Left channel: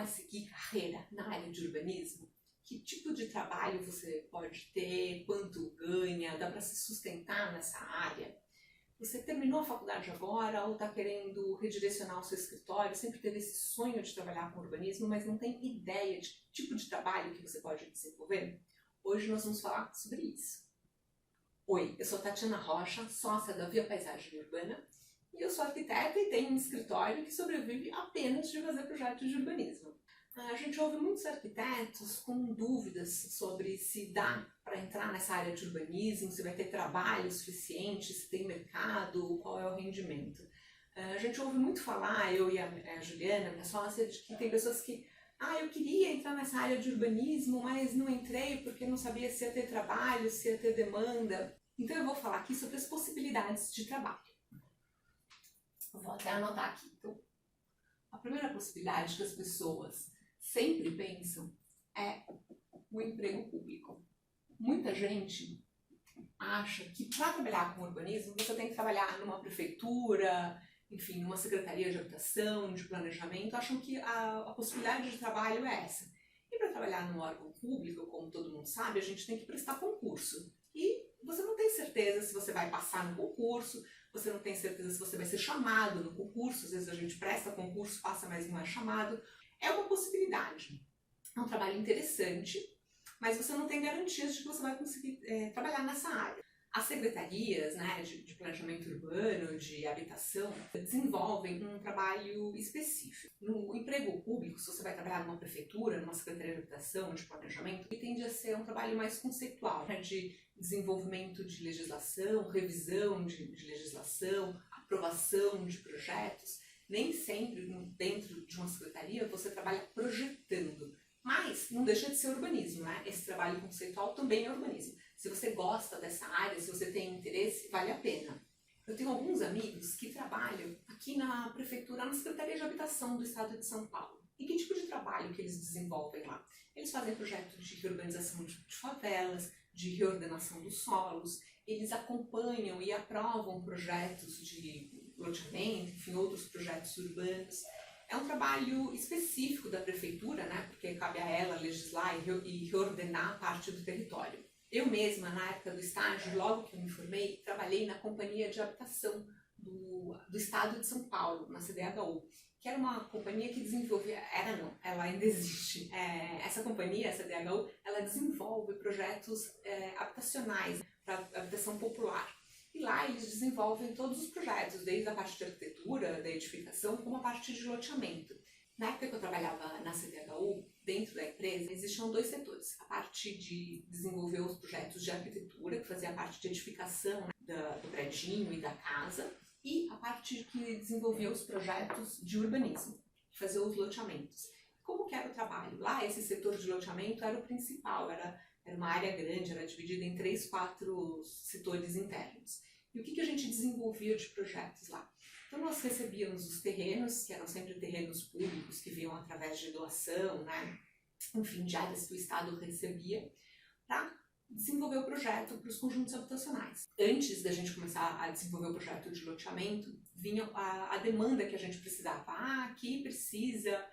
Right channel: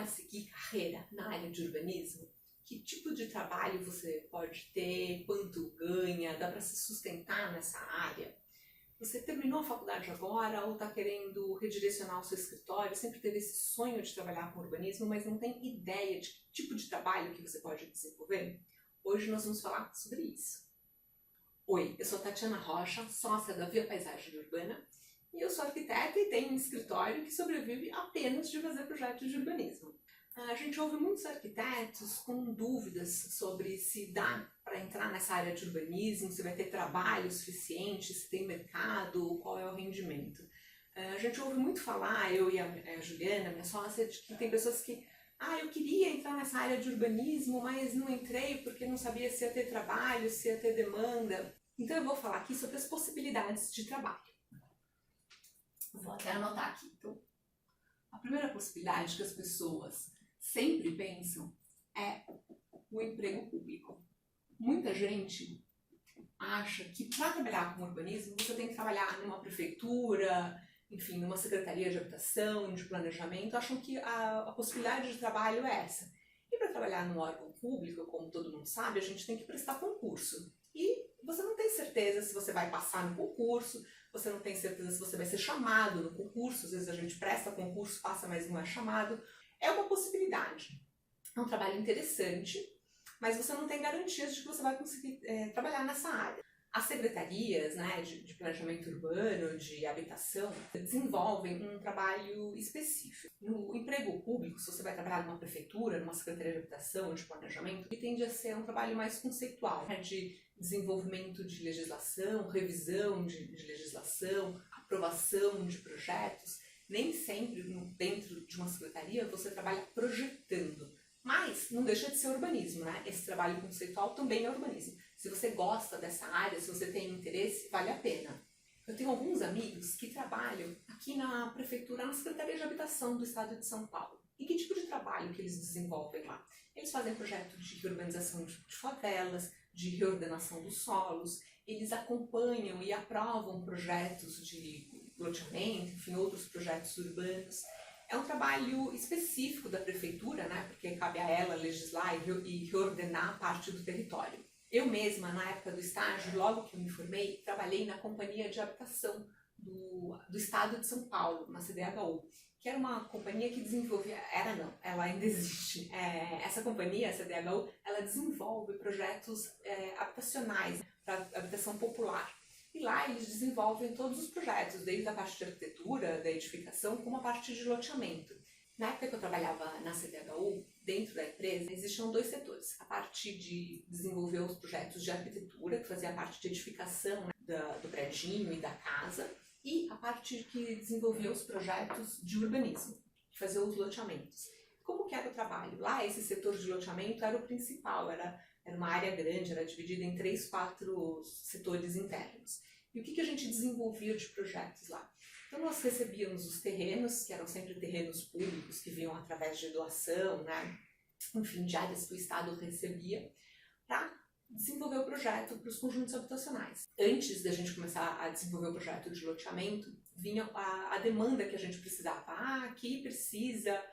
é seguir carreira na área de urbanismo? Que tipo de trabalho você pode ter? Quanto ganha? Dá para se sustentar nessa área? Você terminou a faculdade agora ou está querendo redirecionar o seu escritório? Sempre teve esse sonho de trabalhar com urbanismo, mas não tem ideia de que tipo de trabalho que você pode desenvolver? Hoje nós vamos falar sobre isso. Oi, eu sou Tatiana Rocha, sócia da Via Paisagem Urbana, e eu sou arquiteta e tenho um escritório que sobrevive apenas de fazer projetos de urbanismo. A gente ouve muitos arquitetos com dúvidas sobre se dá para entrar nessa área de urbanismo, se vai ter trabalho suficiente, se tem mercado, qual é o rendimento. A gente ouve muito falar, eu e a Juliana, minha sócia, de que tem pessoas que eu queria entrar nessa área de urbanismo, mas não entrei porque não sabia se ia ter trabalho, se ia ter demanda. Então eu vou falar aqui sobre as possibilidades de trabalho. Vou até anotar aqui. Então, a primeira possibilidade que as pessoas sempre pensam é o emprego público. Muita gente acha que para trabalhar com urbanismo você tem que trabalhar numa prefeitura, enfim, numa secretaria de habitação, de planejamento, acham que a possibilidade de trabalho é essa. E para trabalhar num órgão público, como todo mundo sabe, a gente tem que prestar concurso. E você não tem certeza se você vai passar no concurso, você não tem certeza se você vai ser chamado no concurso, às vezes a gente presta concurso, passa, mas não é chamado. É uma possibilidade. É um trabalho interessante, mas você não tem garantias de que você vai conseguir trabalhar nessa área. As secretarias, né, de planejamento urbano, de habitação, desenvolvem um trabalho específico. No emprego público, se você vai trabalhar numa prefeitura, numa secretaria de habitação, de planejamento, ele tende a ser um trabalho mais conceitual, né, de desenvolvimento de legislação, revisão de legislação, aprovação de projetos. Nem sempre dentro de uma secretaria você trabalha projetando, mas não deixa de ser urbanismo, né? Esse trabalho conceitual também é urbanismo. Se você gosta dessa área, se você tem interesse, vale a pena. Eu tenho alguns amigos que trabalham aqui na prefeitura, na Secretaria de Habitação do Estado de São Paulo. E que tipo de trabalho que eles desenvolvem lá? Eles fazem projetos de reurbanização de favelas, de reordenação dos solos, eles acompanham e aprovam projetos de loteamento, enfim, outros projetos urbanos. É um trabalho específico da prefeitura, né, porque cabe a ela legislar e reordenar parte do território. Eu mesma, na época do estágio, logo que eu me formei, trabalhei na Companhia de Habitação do Estado de São Paulo, na CDHU, que era uma companhia que desenvolvia, ela ainda existe. Essa companhia, a CDHU, ela desenvolve projetos habitacionais para habitação popular. E lá eles desenvolvem todos os projetos, desde a parte de arquitetura, da edificação, como a parte de loteamento. Na época que eu trabalhava na CDHU, dentro da empresa, existiam dois setores. A parte de desenvolver os projetos de arquitetura, que fazia a parte de edificação, né, do predinho e da casa, e a parte que desenvolvia os projetos de urbanismo, que fazia os loteamentos. Como que era o trabalho? Lá, esse setor de loteamento era o principal, era uma área grande, era dividida em 3, 4 setores internos. E o que a gente desenvolvia de projetos lá? Então nós recebíamos os terrenos, que eram sempre terrenos públicos, que vinham através de doação, né? Enfim, de áreas que o Estado recebia, para desenvolver o projeto para os conjuntos habitacionais. Antes da gente começar a desenvolver o projeto de loteamento, vinha a demanda que a gente precisava. Aqui precisa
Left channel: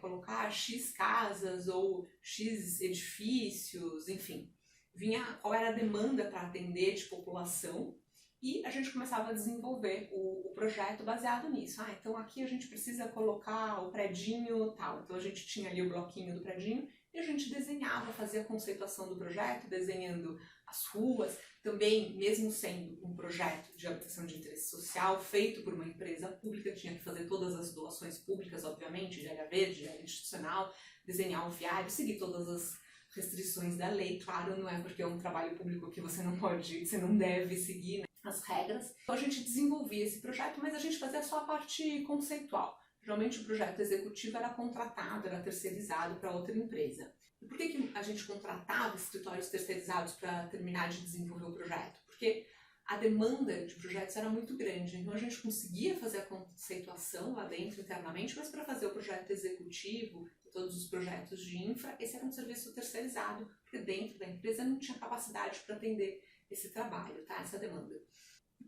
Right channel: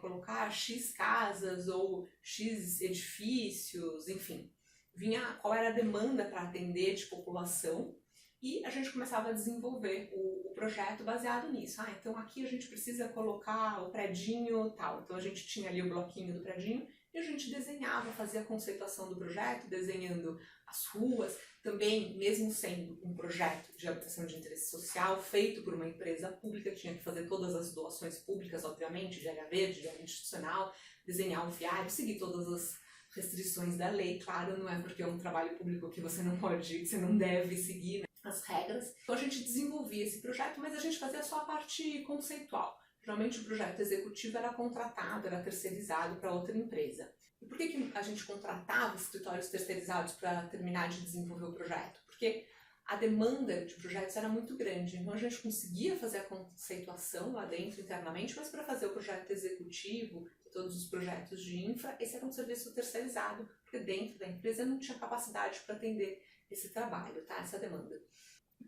colocar X casas ou X edifícios, enfim. Vinha qual era a demanda para atender de população e a gente começava a desenvolver o projeto baseado nisso. Então aqui a gente precisa colocar o predinho tal. Então a gente tinha ali o bloquinho do predinho e a gente desenhava, fazia a conceituação do projeto, desenhando as ruas. Também, mesmo sendo um projeto de habitação de interesse social, feito por uma empresa pública, tinha que fazer todas as doações públicas, obviamente, de área verde, de área institucional, desenhar o viário, seguir todas as restrições da lei. Claro, não é porque é um trabalho público que você não deve seguir, né, as regras. Então a gente desenvolvia esse projeto, mas a gente fazia só a parte conceitual. Geralmente o projeto executivo era contratado, era terceirizado para outra empresa. E por que a gente contratava escritórios terceirizados para terminar de desenvolver o projeto? Porque a demanda de projetos era muito grande, então a gente conseguia fazer a conceituação lá dentro internamente, mas para fazer o projeto executivo, todos os projetos de infra, esse era um serviço terceirizado, porque dentro da empresa não tinha capacidade para atender esse trabalho, tá? Essa demanda.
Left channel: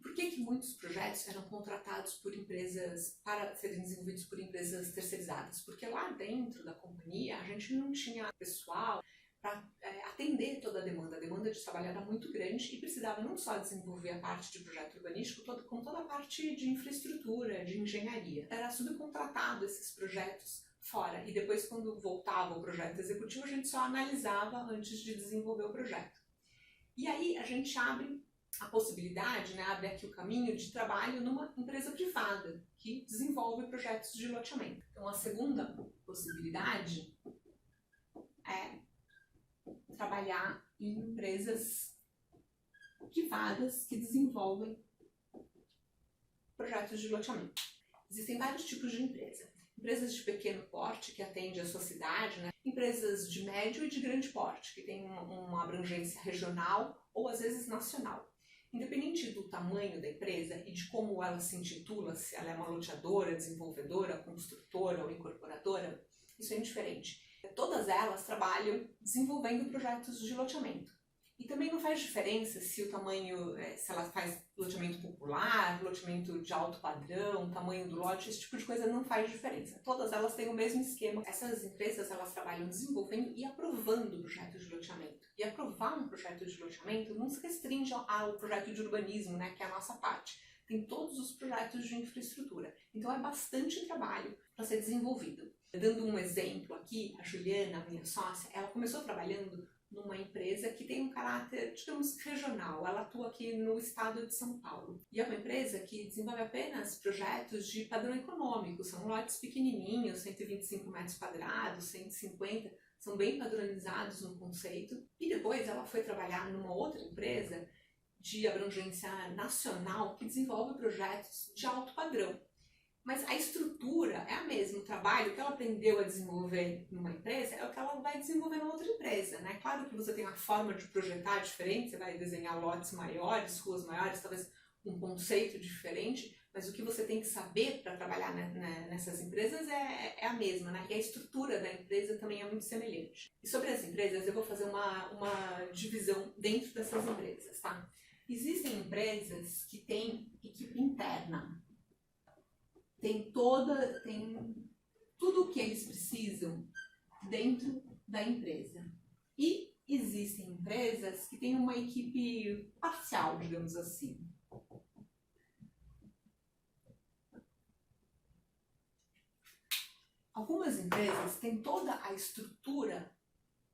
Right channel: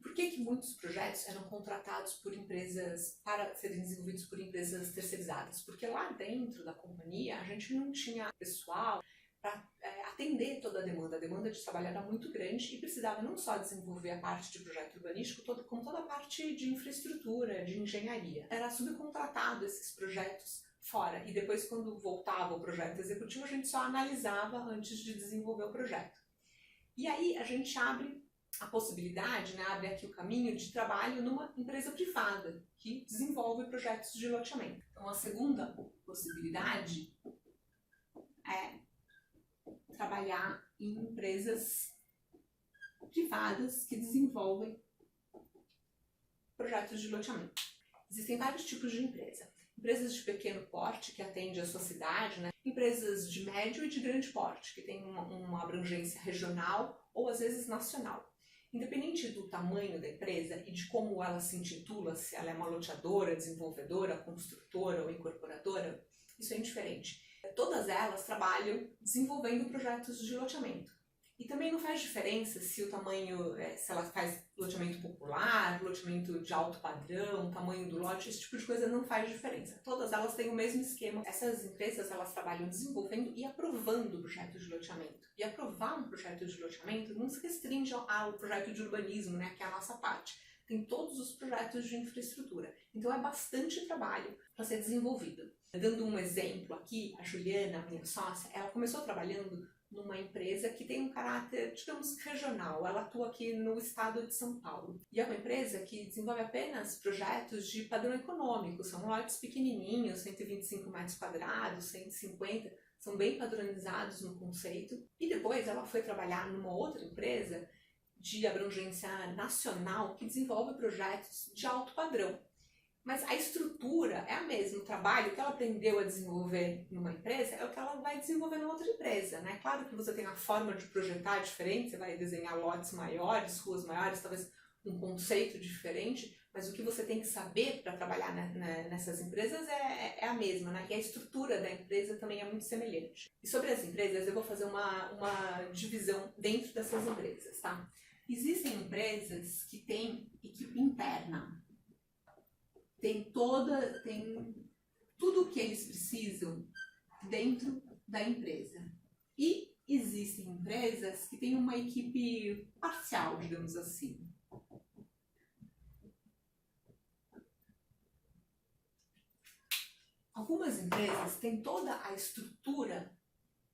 Por que muitos projetos eram contratados por empresas, para serem desenvolvidos por empresas terceirizadas? Porque lá dentro da companhia a gente não tinha pessoal para atender toda a demanda. A demanda de trabalho era muito grande e precisava não só desenvolver a parte de projeto urbanístico, como toda a parte de infraestrutura, de engenharia. Era subcontratado esses projetos fora, e depois, quando voltava o projeto executivo, a gente só analisava antes de desenvolver o projeto. E aí a gente abre a possibilidade, né, abre aqui o caminho de trabalho numa empresa privada que desenvolve projetos de loteamento. Então a segunda possibilidade é trabalhar em empresas privadas que desenvolvem projetos de loteamento. Existem vários tipos de empresa. Empresas de pequeno porte, que atendem a sua cidade, né? Empresas de médio e de grande porte, que têm uma abrangência regional ou às vezes nacional. Independente do tamanho da empresa e de como ela se intitula, se ela é uma loteadora, desenvolvedora, construtora ou incorporadora, isso é indiferente. Todas elas trabalham desenvolvendo projetos de loteamento. E também não faz diferença se o tamanho, se ela faz loteamento popular, loteamento de alto padrão, tamanho do lote, esse tipo de coisa não faz diferença. Todas elas têm o mesmo esquema. Essas empresas, elas trabalham desenvolvendo e aprovando projetos de loteamento. E aprovar um projeto de loteamento não se restringe ao projeto de urbanismo, né, que é a nossa parte. Tem todos os projetos de infraestrutura. Então é bastante trabalho para ser desenvolvido. Dando um exemplo aqui, a Juliana, minha sócia, ela começou trabalhando numa empresa que tem um caráter, digamos, regional. Ela atua aqui no estado de São Paulo. E é uma empresa que desenvolve apenas projetos de padrão econômico. São lotes pequenininhos, 125 metros quadrados, 150, são bem padronizados no conceito. E depois ela foi trabalhar numa outra empresa de abrangência nacional que desenvolve projetos de alto padrão. Mas a estrutura é a mesma, o trabalho que ela aprendeu a desenvolver numa empresa é o que ela vai desenvolver numa outra empresa, né? Claro que você tem uma forma de projetar diferente, você vai desenhar lotes maiores, ruas maiores, talvez um conceito diferente, mas o que você tem que saber para trabalhar nessas empresas é a mesma, né? E a estrutura da empresa também é muito semelhante. E sobre as empresas, eu vou fazer uma divisão dentro dessas empresas, tá? Existem empresas que têm equipe interna. Tem tudo o que eles precisam dentro da empresa. E existem empresas que têm uma equipe parcial, digamos assim. Algumas empresas têm toda a estrutura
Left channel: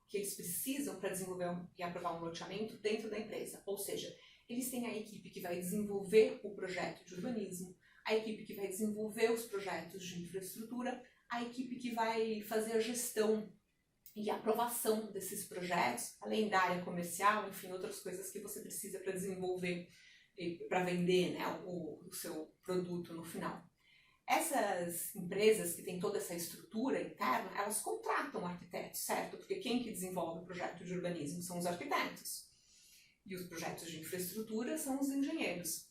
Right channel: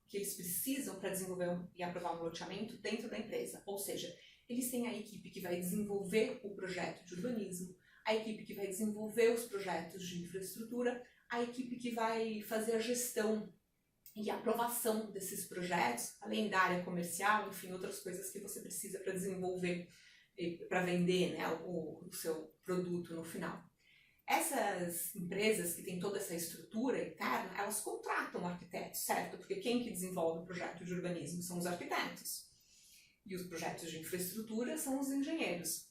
que eles precisam para desenvolver e aprovar um loteamento dentro da empresa. Ou seja, eles têm a equipe que vai desenvolver o projeto de urbanismo, a equipe que vai desenvolver os projetos de infraestrutura, a equipe que vai fazer a gestão e aprovação desses projetos, além da área comercial, enfim, outras coisas que você precisa para desenvolver, para vender, né, o seu produto no final. Essas empresas que têm toda essa estrutura interna, elas contratam arquitetos, certo? Porque quem que desenvolve o projeto de urbanismo são os arquitetos. E os projetos de infraestrutura são os engenheiros.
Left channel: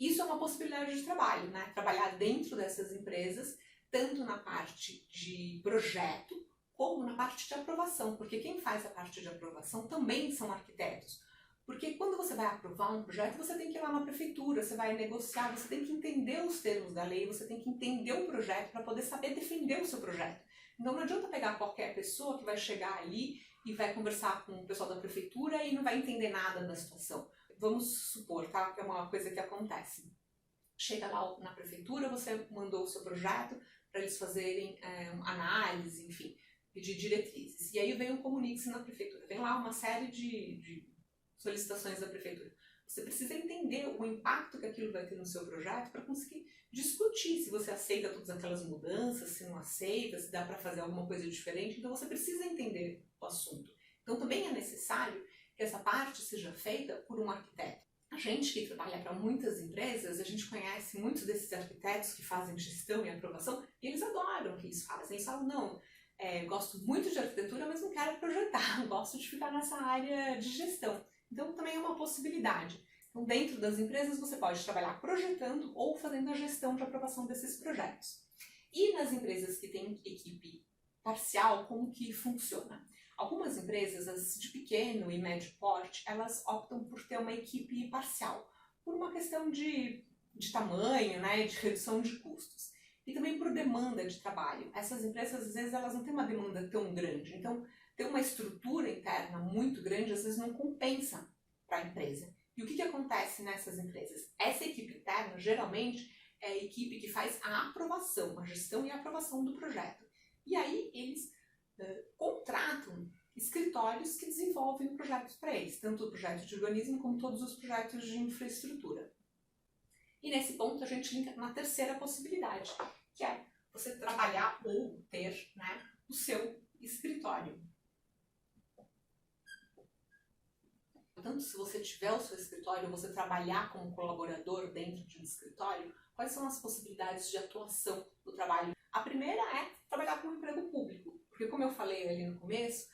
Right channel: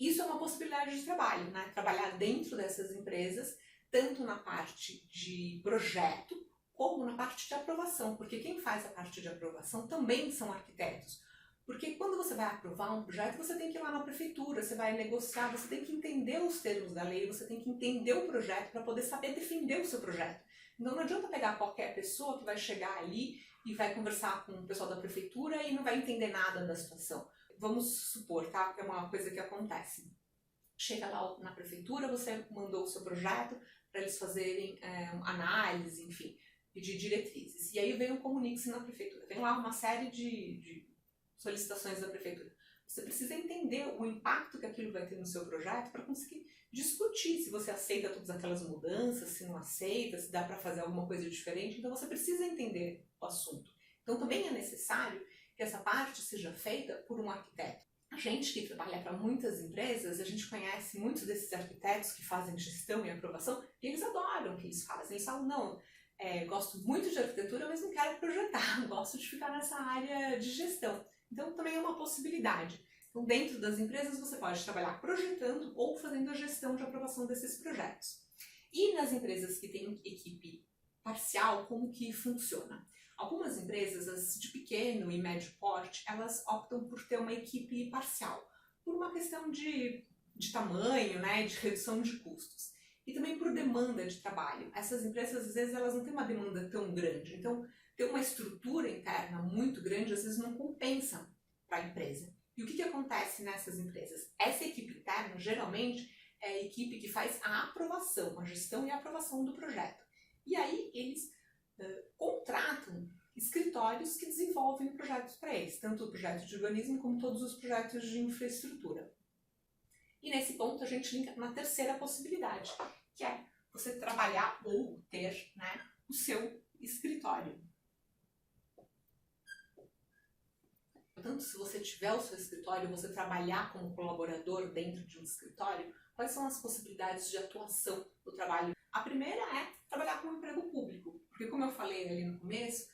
Isso é uma possibilidade de trabalho, né? Trabalhar dentro dessas empresas, tanto na parte de projeto, como na parte de aprovação, porque quem faz a parte de aprovação também são arquitetos. Porque quando você vai aprovar um projeto, você tem que ir lá na prefeitura, você vai negociar, você tem que entender os termos da lei, você tem que entender o projeto para poder saber defender o seu projeto. Então não adianta pegar qualquer pessoa que vai chegar ali e vai conversar com o pessoal da prefeitura e não vai entender nada da situação. Vamos supor, tá? Que é uma coisa que acontece. Chega lá na prefeitura, você mandou o seu projeto para eles fazerem análise, enfim, pedir diretrizes. E aí vem um comunique-se na prefeitura. Vem lá uma série de solicitações da prefeitura. Você precisa entender o impacto que aquilo vai ter no seu projeto para conseguir discutir se você aceita todas aquelas mudanças, se não aceita, se dá para fazer alguma coisa diferente. Então você precisa entender o assunto. Então também é necessário que essa parte seja feita por um arquiteto. A gente que trabalha para muitas empresas, a gente conhece muitos desses arquitetos que fazem gestão e aprovação e eles adoram o que eles fazem. Eles falam, não, gosto muito de arquitetura, mas não quero projetar, gosto de ficar nessa área de gestão. Então também é uma possibilidade. Então dentro das empresas você pode trabalhar projetando ou fazendo a gestão de aprovação desses projetos. E nas empresas que têm equipe parcial, como que funciona? Algumas empresas, as de pequeno e médio porte, elas optam por ter uma equipe parcial, por uma questão de tamanho, né, e de redução de custos. E também por demanda de trabalho. Essas empresas, às vezes, elas não têm uma demanda tão grande. Então, ter uma estrutura interna muito grande, às vezes, não compensa para a empresa. E o que acontece nessas empresas? Essa equipe interna, geralmente, é a equipe que faz a aprovação, a gestão e a aprovação do projeto. E aí, eles contratam escritórios que desenvolvem projetos para eles, tanto o projeto de urbanismo como todos os projetos de infraestrutura. E nesse ponto a gente linka na terceira possibilidade, que é você trabalhar ou ter, né, o seu escritório. Portanto, se você tiver o seu escritório, você trabalhar como colaborador dentro de um escritório, quais são as possibilidades de atuação do trabalho? A primeira é trabalhar com um emprego público, porque como eu falei ali no começo,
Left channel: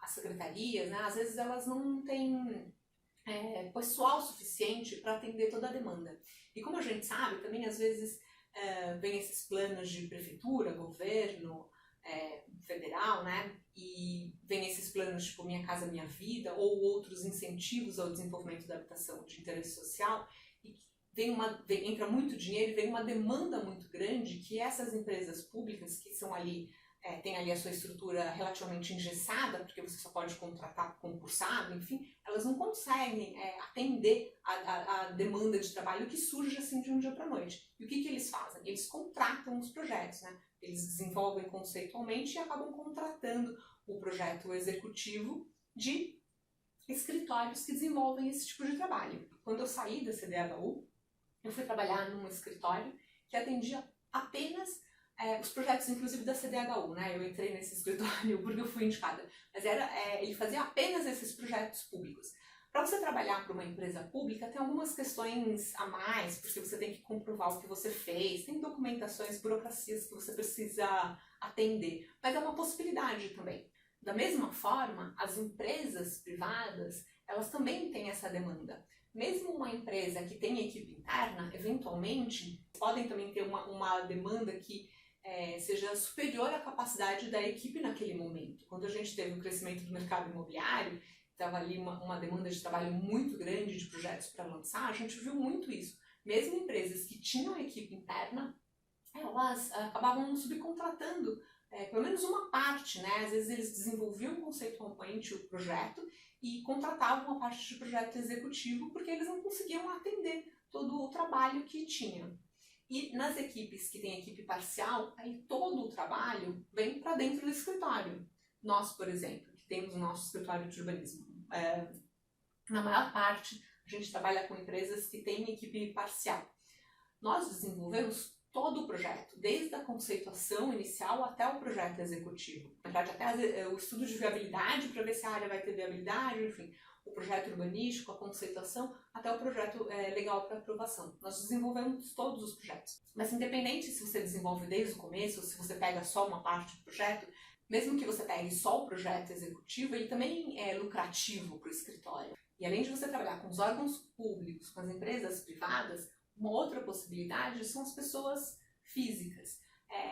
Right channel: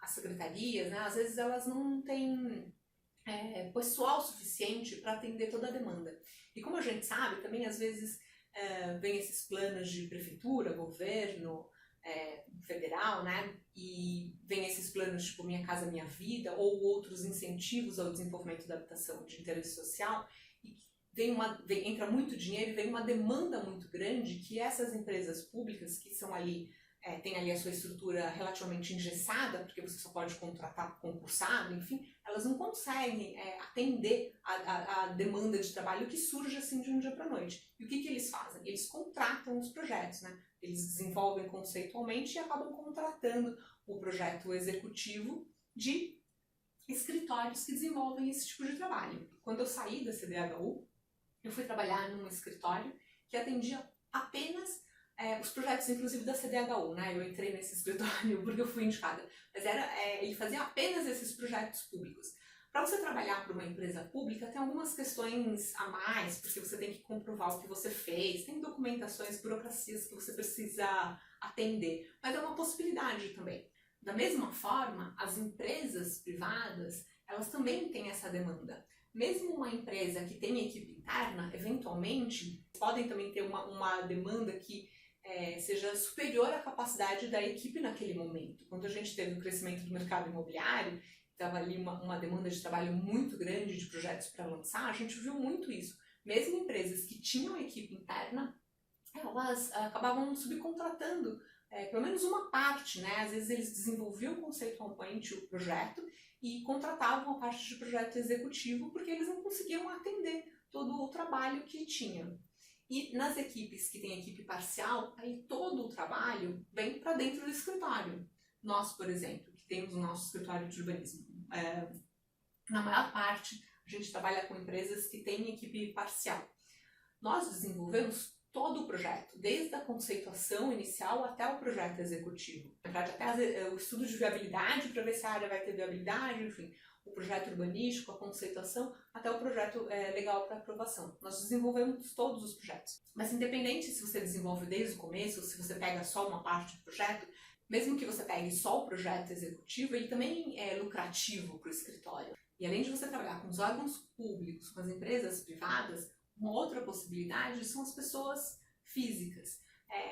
as secretarias, né, às vezes elas não têm pessoal suficiente para atender toda a demanda. E como a gente sabe, também às vezes vem esses planos de prefeitura, governo, federal, né? E vem esses planos tipo Minha Casa Minha Vida ou outros incentivos ao desenvolvimento da habitação de interesse social e entra muito dinheiro e vem uma demanda muito grande que essas empresas públicas que são ali tem ali a sua estrutura relativamente engessada, porque você só pode contratar concursado, enfim, elas não conseguem atender a demanda de trabalho que surge assim de um dia para a noite. E o que eles fazem? Eles contratam os projetos, né? Eles desenvolvem conceitualmente e acabam contratando o projeto executivo de escritórios que desenvolvem esse tipo de trabalho. Quando eu saí da CDHU, eu fui trabalhar num escritório que atendia apenas os projetos, inclusive, da CDHU, né? Eu entrei nesse escritório porque eu fui indicada. Mas ele fazia apenas esses projetos públicos. Para você trabalhar para uma empresa pública, tem algumas questões a mais, porque você tem que comprovar o que você fez, tem documentações, burocracias que você precisa atender. Mas é uma possibilidade também. Da mesma forma, as empresas privadas, elas também têm essa demanda. Mesmo uma empresa que tem equipe interna, eventualmente, podem também ter uma demanda que seja superior à capacidade da equipe naquele momento. Quando a gente teve o crescimento do mercado imobiliário, estava ali uma demanda de trabalho muito grande de projetos para lançar, a gente viu muito isso. Mesmo empresas que tinham equipe interna, elas acabavam subcontratando pelo menos uma parte, né? Às vezes eles desenvolviam conceitualmente o projeto e contratavam a parte de projeto executivo porque eles não conseguiam atender todo o trabalho que tinham. E nas equipes que tem equipe parcial, aí todo o trabalho vem para dentro do escritório. Nós, por exemplo, que temos o nosso escritório de urbanismo, na maior parte a gente trabalha com empresas que têm equipe parcial. Nós desenvolvemos todo o projeto, desde a conceituação inicial até o projeto executivo. Na verdade, até o estudo de viabilidade para ver se a área vai ter viabilidade, enfim, o projeto urbanístico, a conceituação, até o projeto legal para aprovação. Nós desenvolvemos todos os projetos. Mas independente se você desenvolve desde o começo, ou se você pega só uma parte do projeto, mesmo que você pegue só o projeto executivo, ele também é lucrativo para o escritório. E além de você trabalhar com os órgãos públicos, com as empresas privadas, uma outra possibilidade são as pessoas físicas.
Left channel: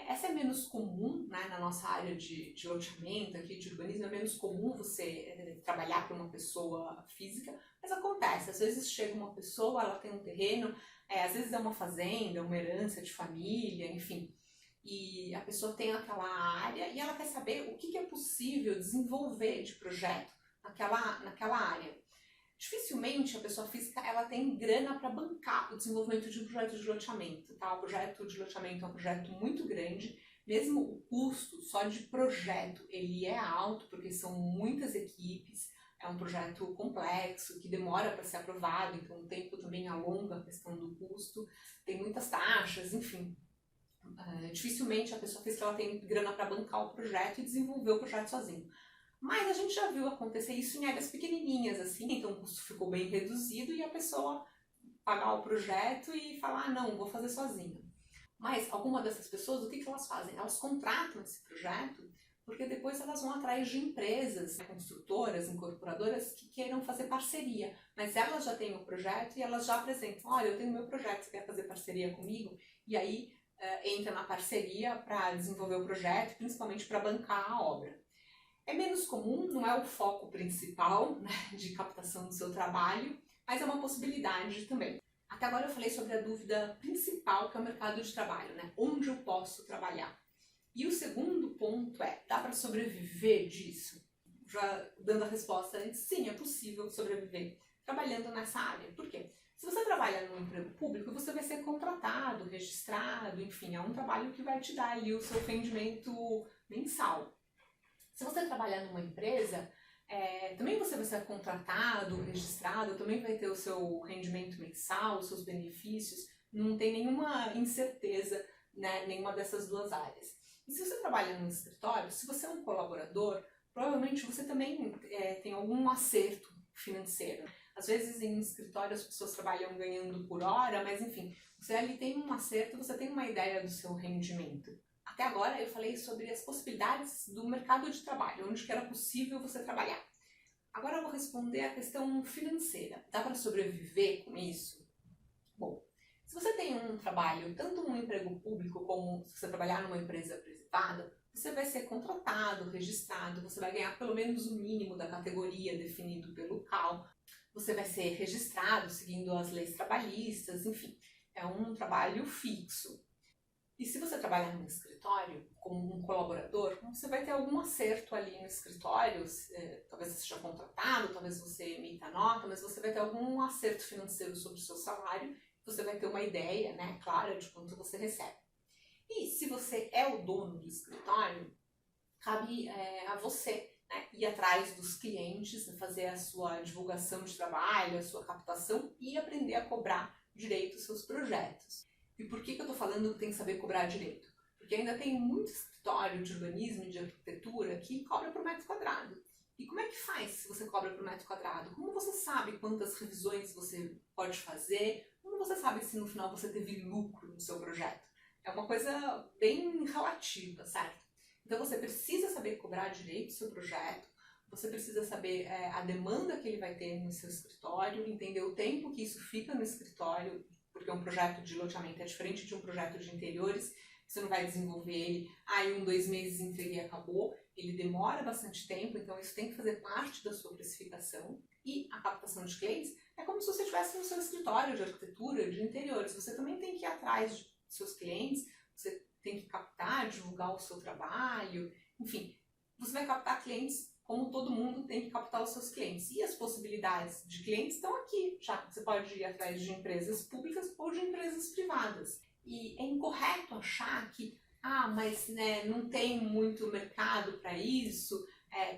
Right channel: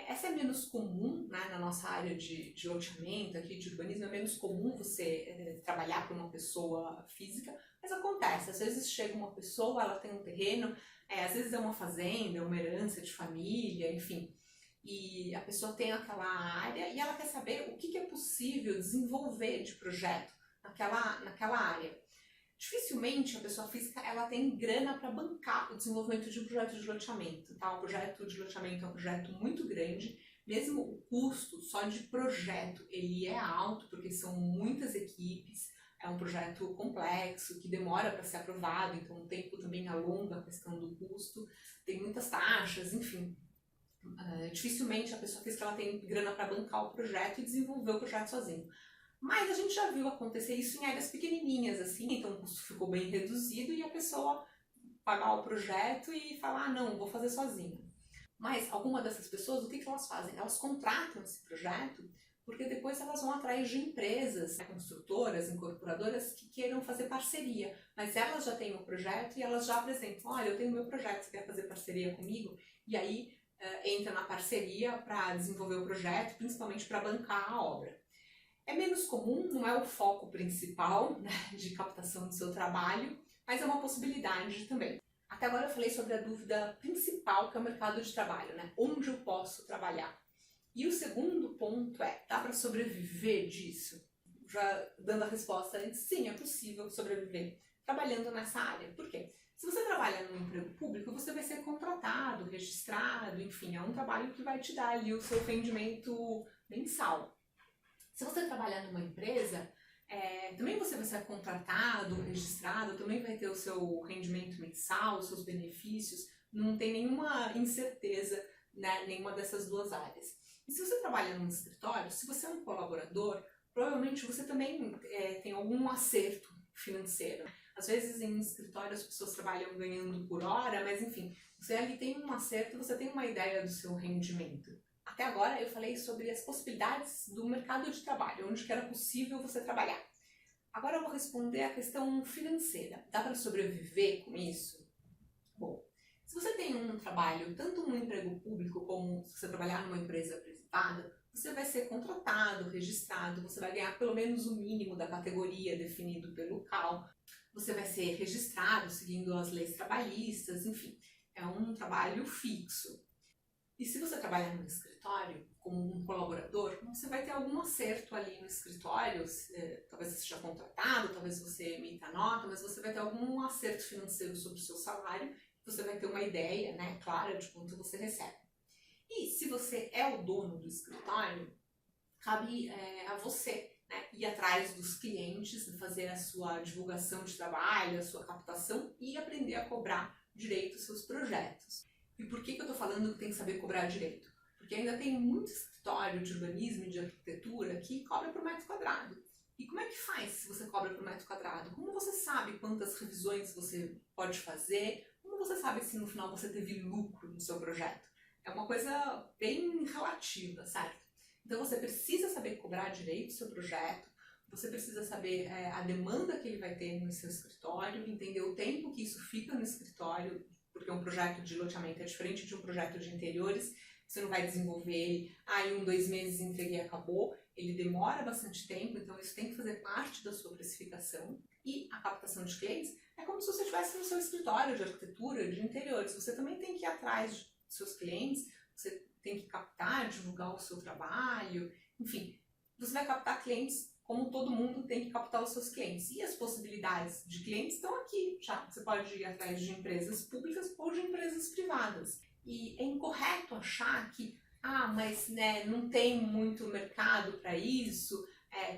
Essa é menos comum, né, na nossa área de loteamento, aqui de urbanismo, é menos comum você trabalhar com uma pessoa física, mas acontece. Às vezes chega uma pessoa, ela tem um terreno, às vezes é uma fazenda, uma herança de família, enfim, e a pessoa tem aquela área e ela quer saber o que é possível desenvolver de projeto naquela área. Dificilmente a pessoa física ela tem grana para bancar o desenvolvimento de um projeto de loteamento. Tá? O projeto de loteamento é um projeto muito grande, mesmo o custo só de projeto ele é alto, porque são muitas equipes, é um projeto complexo, que demora para ser aprovado, então o tempo também alonga a questão do custo, tem muitas taxas, enfim. Dificilmente a pessoa física ela tem grana para bancar o projeto e desenvolver o projeto sozinho. Mas a gente já viu acontecer isso em áreas pequenininhas, assim, então o custo ficou bem reduzido e a pessoa pagar o projeto e falar, não, vou fazer sozinha. Mas alguma dessas pessoas, o que elas fazem? Elas contratam esse projeto porque depois elas vão atrás de empresas, construtoras, incorporadoras que queiram fazer parceria. Mas elas já têm o projeto e elas já apresentam, olha, eu tenho meu projeto, você quer fazer parceria comigo? E aí entra na parceria para desenvolver o projeto, principalmente para bancar a obra. É menos comum, não é o foco principal, né, de captação do seu trabalho, mas é uma possibilidade também. Até agora eu falei sobre a dúvida principal, que é o mercado de trabalho, né? Onde eu posso trabalhar? E o segundo ponto é, dá para sobreviver disso? Já dando a resposta antes, sim, é possível sobreviver trabalhando nessa área. Por quê? Se você trabalha num emprego público, você vai ser contratado, registrado, enfim, é um trabalho que vai te dar ali o seu rendimento mensal. Se você trabalhar numa empresa, também você vai ser contratado, registrado, também vai ter o seu rendimento mensal, os seus benefícios, não tem nenhuma incerteza, né, nenhuma dessas duas áreas. E se você trabalha num escritório, se você é um colaborador, provavelmente você também tem algum acerto financeiro. Às vezes em escritório as pessoas trabalham ganhando por hora, mas enfim, você ali tem um acerto, você tem uma ideia do seu rendimento. Até agora eu falei sobre as possibilidades do mercado de trabalho, onde que era possível você trabalhar. Agora eu vou responder a questão financeira. Dá para sobreviver com isso? Bom, se você tem um trabalho, tanto um emprego público como se você trabalhar numa empresa privada, você vai ser contratado, registrado, você vai ganhar pelo menos o mínimo da categoria definido pelo CAL, você vai ser registrado seguindo as leis trabalhistas, enfim, é um trabalho fixo. E se você trabalhar num escritório, como um colaborador, você vai ter algum acerto ali no escritório, talvez você seja contratado, talvez você emita nota, mas você vai ter algum acerto financeiro sobre o seu salário, você vai ter uma ideia, né, clara de quanto você recebe. E se você é o dono do escritório, cabe a você, né, ir atrás dos clientes, fazer a sua divulgação de trabalho, a sua captação e aprender a cobrar direito os seus projetos. E por que eu estou falando que tem que saber cobrar direito? Porque ainda tem muito escritório de urbanismo e de arquitetura que cobra por metro quadrado. E como é que faz se você cobra por metro quadrado? Como você sabe quantas revisões você pode fazer? Como você sabe se no final você teve lucro no seu projeto? É uma coisa bem relativa, certo? Então você precisa saber cobrar direito o seu projeto, você precisa saber a demanda que ele vai ter no seu escritório, entender o tempo que isso fica no escritório, porque um projeto de loteamento é diferente de um projeto de interiores. Você não vai desenvolver ele, em 2 meses entreguei e acabou. Ele demora bastante tempo, então isso tem que fazer parte da sua precificação. E a captação de clientes é como se você estivesse no seu escritório de arquitetura, de interiores. Você também tem que ir atrás dos seus clientes, você tem que captar, divulgar o seu trabalho, enfim. Você vai captar clientes como todo mundo tem que captar os seus clientes. E as possibilidades de clientes estão aqui já. Você pode ir atrás de empresas públicas ou de empresas privadas. E é incorreto achar que, mas né, não tem muito mercado para isso,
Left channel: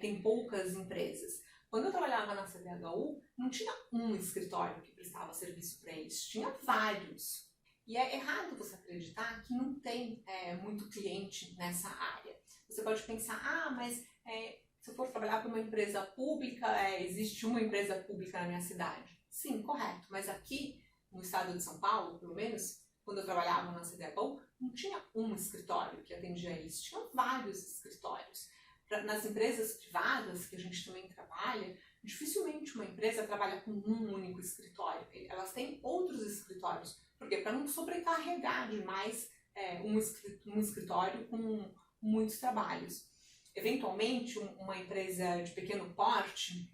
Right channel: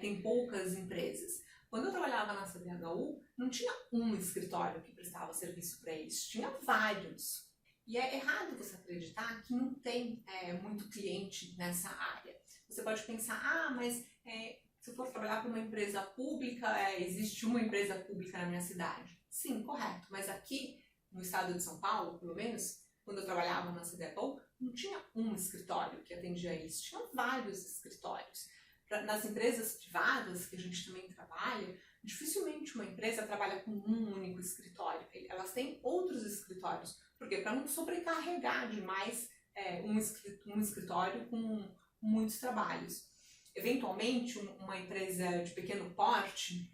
tem poucas empresas. Quando eu trabalhava na CDHU, não tinha um escritório que prestava serviço para eles, tinha vários. E é errado você acreditar que não tem muito cliente nessa área. Você pode pensar, mas se eu for trabalhar para uma empresa pública, existe uma empresa pública na minha cidade. Sim, correto. Mas aqui, no estado de São Paulo, pelo menos, quando eu trabalhava na CDHU, não tinha um escritório que atendia eles, tinha vários escritórios. Nas empresas privadas, que a gente também trabalha, dificilmente uma empresa trabalha com um único escritório. Elas têm outros escritórios. Por quê? Para não sobrecarregar demais um escritório com muitos trabalhos. Eventualmente, uma empresa de pequeno porte,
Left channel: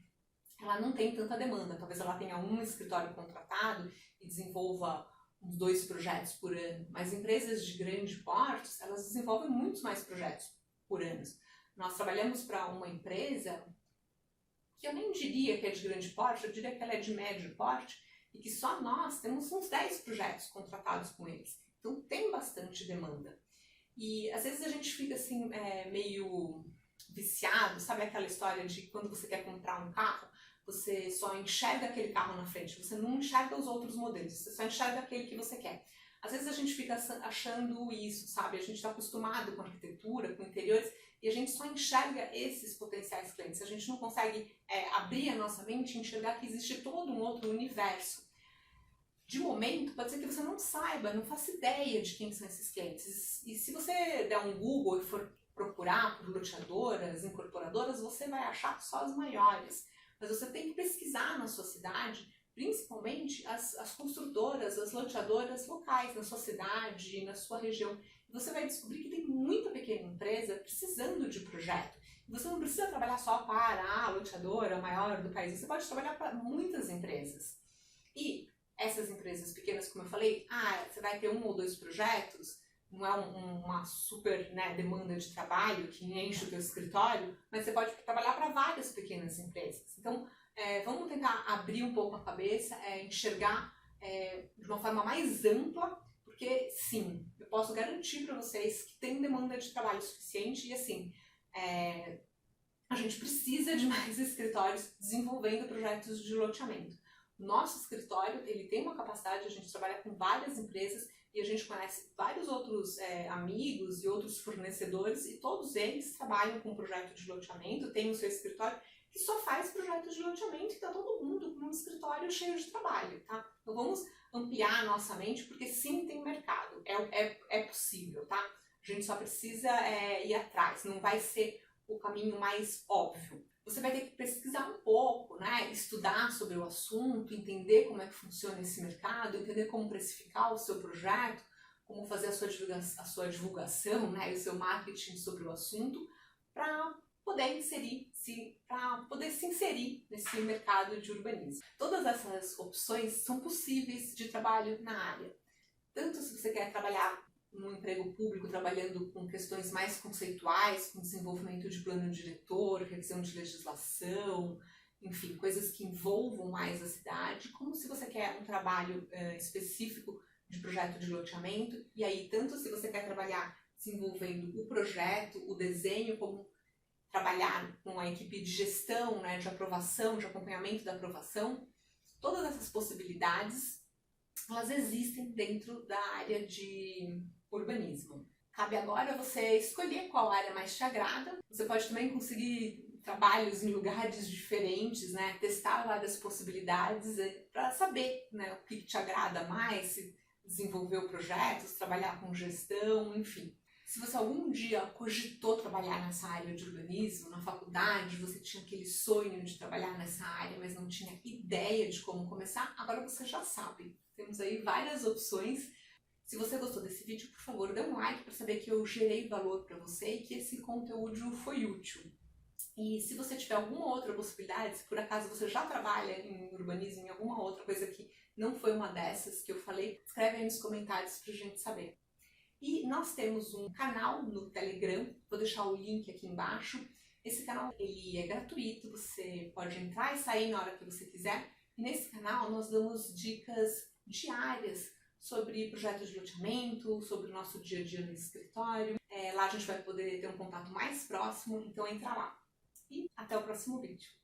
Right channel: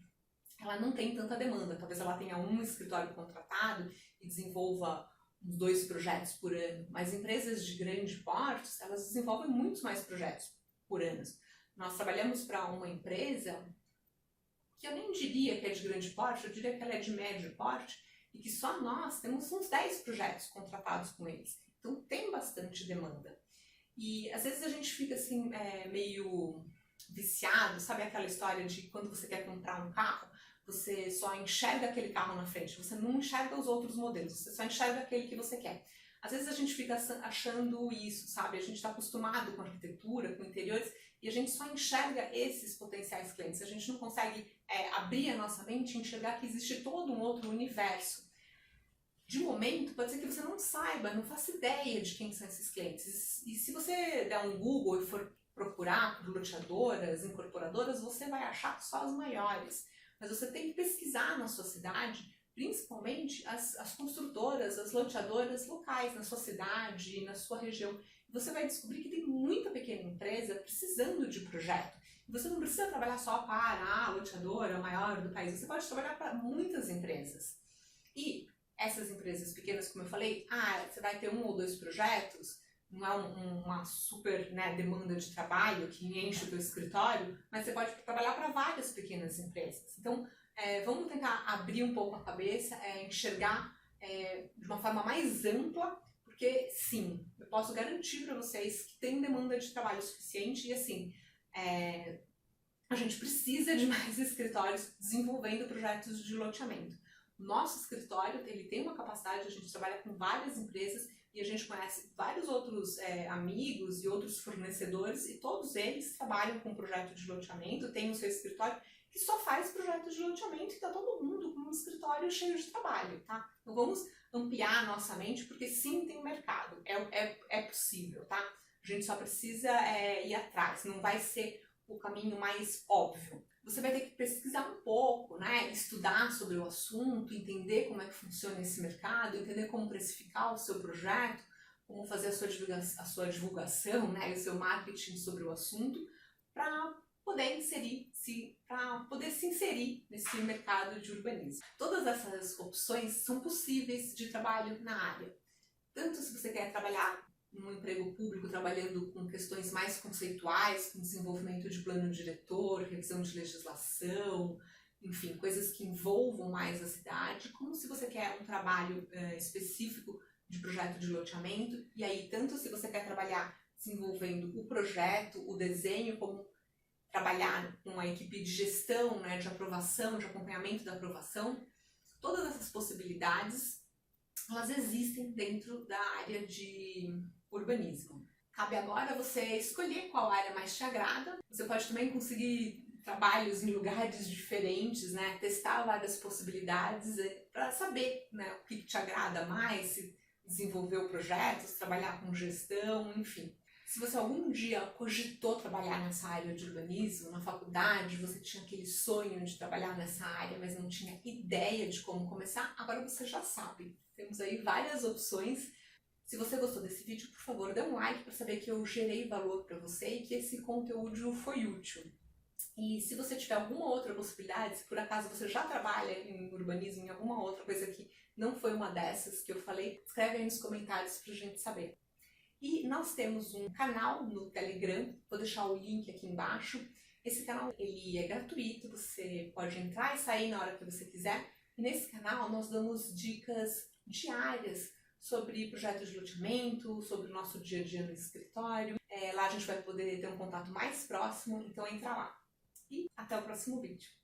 ela não tem tanta demanda. Talvez ela tenha um escritório contratado e desenvolva uns 2 projetos por ano. Mas empresas de grande porte, elas desenvolvem muitos mais projetos por ano. Nós trabalhamos para uma empresa que eu nem diria que é de grande porte, eu diria que ela é de médio porte e que só nós temos uns 10 projetos contratados com eles. Então tem bastante demanda. E às vezes a gente fica assim, meio viciado, sabe aquela história de quando você quer comprar um carro, você só enxerga aquele carro na frente, você não enxerga os outros modelos, você só enxerga aquele que você quer. Às vezes a gente fica achando isso, sabe? A gente está acostumado com arquitetura, com interiores, e a gente só enxerga esses potenciais clientes. A gente não consegue abrir a nossa mente e enxergar que existe todo um outro universo. De momento, pode ser que você não saiba, não faça ideia de quem são esses clientes. E se você der um Google e for procurar por loteadoras, incorporadoras, você vai achar só as maiores. Mas você tem que pesquisar na sua cidade, principalmente as construtoras, as loteadoras locais na sua cidade, na sua região. E você vai descobrir que tem muita pequena empresa precisando de projeto. E você não precisa trabalhar só para a loteadora maior do país, você pode trabalhar para muitas empresas. E essas empresas pequenas, como eu falei, você vai ter 1 ou 2 projetos, não é uma super, né, demanda de trabalho que enche o teu escritório, mas você pode trabalhar para várias pequenas empresas. Então, vamos tentar abrir um pouco a cabeça, enxergar de uma forma mais ampla, porque sim, eu posso garantir para vocês que tem demanda de trabalho suficiente e assim, a gente precisa de mais escritórios desenvolvendo projetos de loteamento. O nosso escritório, ele tem uma capacidade, a gente trabalha com várias empresas e a gente conhece vários outros amigos e outros fornecedores e todos eles trabalham com projeto de loteamento, tem o seu escritório que só faz projetos de loteamento e está todo mundo com um escritório cheio de trabalho, tá? Então vamos ampliar a nossa mente porque sim, tem mercado, é possível, tá? A gente só precisa ir atrás, não vai ser o caminho mais óbvio. Você vai ter que pesquisar um pouco, né? Estudar sobre o assunto, entender como é que funciona esse mercado, entender como precificar o seu projeto, como fazer a sua divulgação, né? O seu marketing sobre o assunto, para poder se inserir nesse mercado de urbanismo. Todas essas opções são possíveis de trabalho na área. Tanto se você quer trabalhar no emprego público, trabalhando com questões mais conceituais, com desenvolvimento de plano diretor, revisão de legislação, enfim, coisas que envolvam mais a cidade, como se você quer um trabalho específico de projeto de loteamento, e aí tanto se você quer trabalhar desenvolvendo o projeto, o desenho, como trabalhar com a equipe de gestão, né, de aprovação, de acompanhamento da aprovação, todas essas possibilidades, elas existem dentro da área de urbanismo. Cabe agora você escolher qual área mais te agrada. Você pode também conseguir trabalhos em lugares diferentes, né? Testar várias possibilidades para saber, né, o que te agrada mais, se desenvolver projetos, trabalhar com gestão, enfim. Se você algum dia cogitou trabalhar nessa área de urbanismo, na faculdade, você tinha aquele sonho de trabalhar nessa área, mas não tinha ideia de como começar, agora você já sabe. Temos aí várias opções. Se você gostou desse vídeo, por favor, dê um like para saber que eu gerei valor para você e que esse conteúdo foi útil. E se você tiver alguma outra possibilidade, se por acaso você já trabalha em urbanismo, em alguma outra coisa que não foi uma dessas que eu falei, escreve aí nos comentários para a gente saber. E nós temos um canal no Telegram, vou deixar o link aqui embaixo. Esse canal ele é gratuito, você pode entrar e sair na hora que você quiser. E nesse canal nós damos dicas diárias sobre projetos de loteamento, sobre o nosso dia a dia no escritório. Lá a gente vai poder ter um contato mais próximo, então entra lá. E até o próximo vídeo.